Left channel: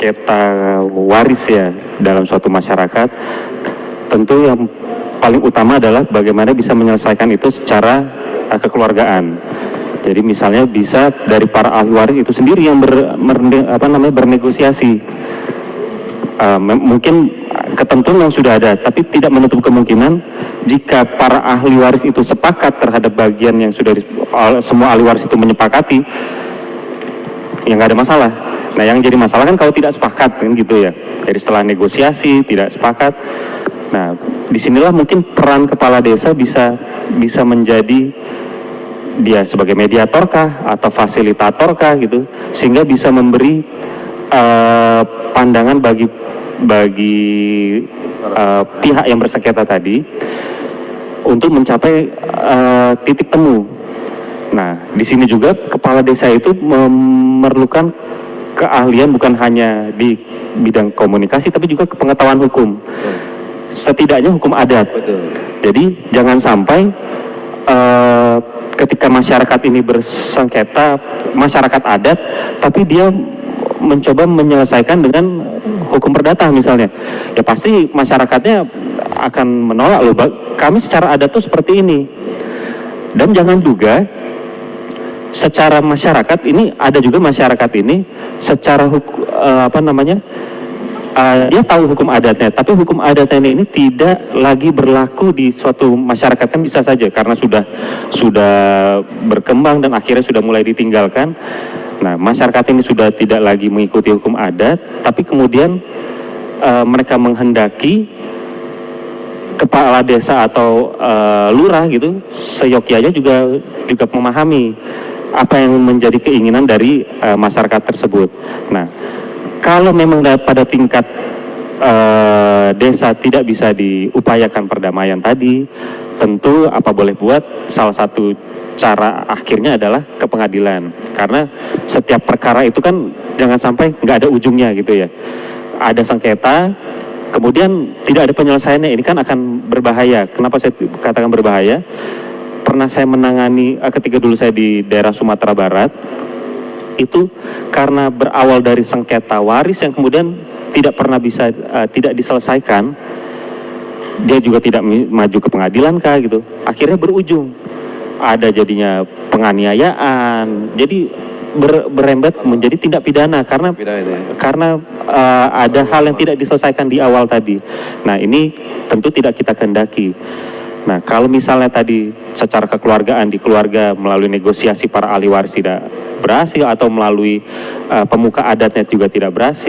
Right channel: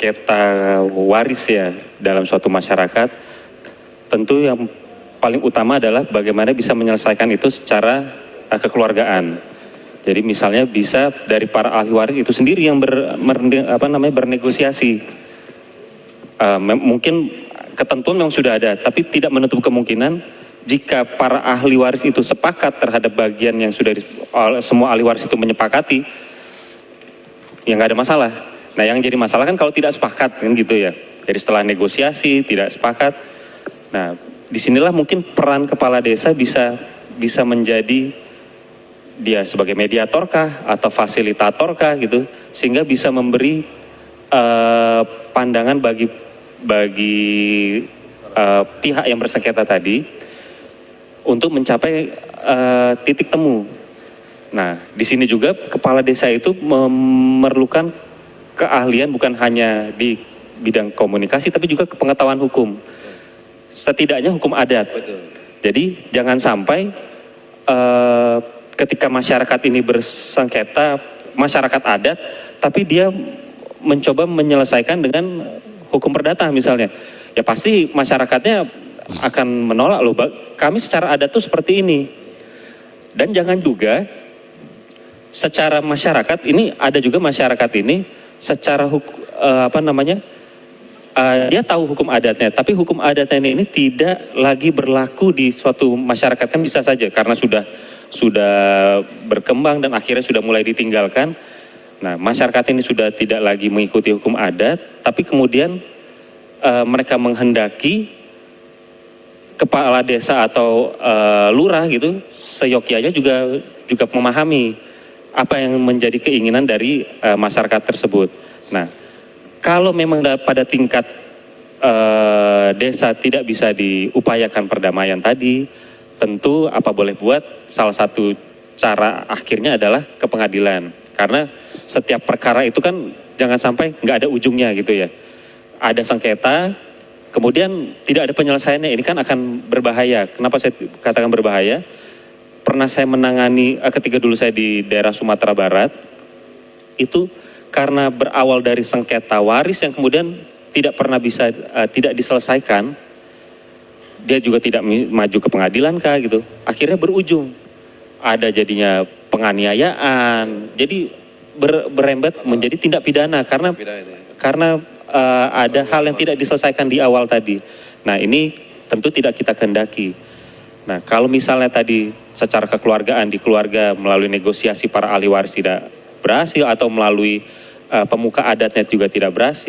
sengketa waris ya dalam suatu masyarakat, tentu yang paling utama adalah bagaimana bisa menyelesaikan itu secara kekeluargaan. Jadi misalnya bisa dari para ahli waris itu sendiri yang bernegosiasi. Mungkin ketentuan yang sudah ada, tapi tidak menutup kemungkinan jika para ahli waris itu sepakat terhadap bagian yang sudah semua ahli waris itu menyepakati, ya nggak ada masalah. Nah, yang jadi masalah kan kalau tidak sepakat kan gitu ya. Jadi setelah negosiasi tidak sepakat, nah disinilah mungkin peran kepala desa bisa menjadi dia sebagai mediatorkah atau fasilitatorkah gitu, sehingga bisa memberi pandangan bagi pihak yang bersengketa tadi untuk mencapai titik temu. Nah, di sini juga kepala desa itu memerlukan keahlian bukan hanya di bidang komunikasi, tapi juga pengetahuan hukum. Setidaknya hukum adat. Jadi jangan sampai ketika masyarakat ini bersengketa, masyarakat adat, tapi dia mencoba menyelesaikan dengan hukum perdata misalnya, ya pasti masyarakatnya akan menolak loh, kami secara adat tuh seperti ini. Dan jangan juga secara masyarakat ini, ada juga masyarakat ini secara dia tahu hukum adatnya, tapi hukum adatnya ini tidak lagi berlaku di suatu masyarakat, kan bisa saja karena sudah berkembang dan akhirnya sudah mulai ditinggalkan. Nah, masyarakat ini sudah tidak lagi mengikuti hukum adat, tapi kemudian mereka menghendaki kepala desa atau lurah gitu, seyogyanya juga memahami apa yang menjadi keinginan dari masyarakat tersebut. Nah, kalau memang pada tingkat desa tidak bisa diupayakan perdamaian tadi, tentu apa boleh buat, salah satu cara akhirnya adalah ke pengadilan. Karena setiap perkara itu kan jangan sampai nggak ada ujungnya gitu ya. Ada sengketa, kemudian tidak ada penyelesaiannya, ini kan akan berbahaya. Kenapa saya katakan berbahaya? Pernah saya menangani ketika dulu saya di daerah Sumatera Barat, itu karena berawal dari sengketa waris yang kemudian tidak pernah bisa tidak diselesaikan, dia juga tidak maju ke pengadilan kah gitu, akhirnya berujung ada jadinya penganiayaan, jadi berembet menjadi tindak pidana karena ada hal yang tidak diselesaikan di awal tadi. Nah, ini tentu tidak kita kehendaki. Nah, kalau misalnya tadi secara kekeluargaan di keluarga melalui negosiasi para ahli waris tidak berhasil, atau melalui pemuka adatnya juga tidak berhasil,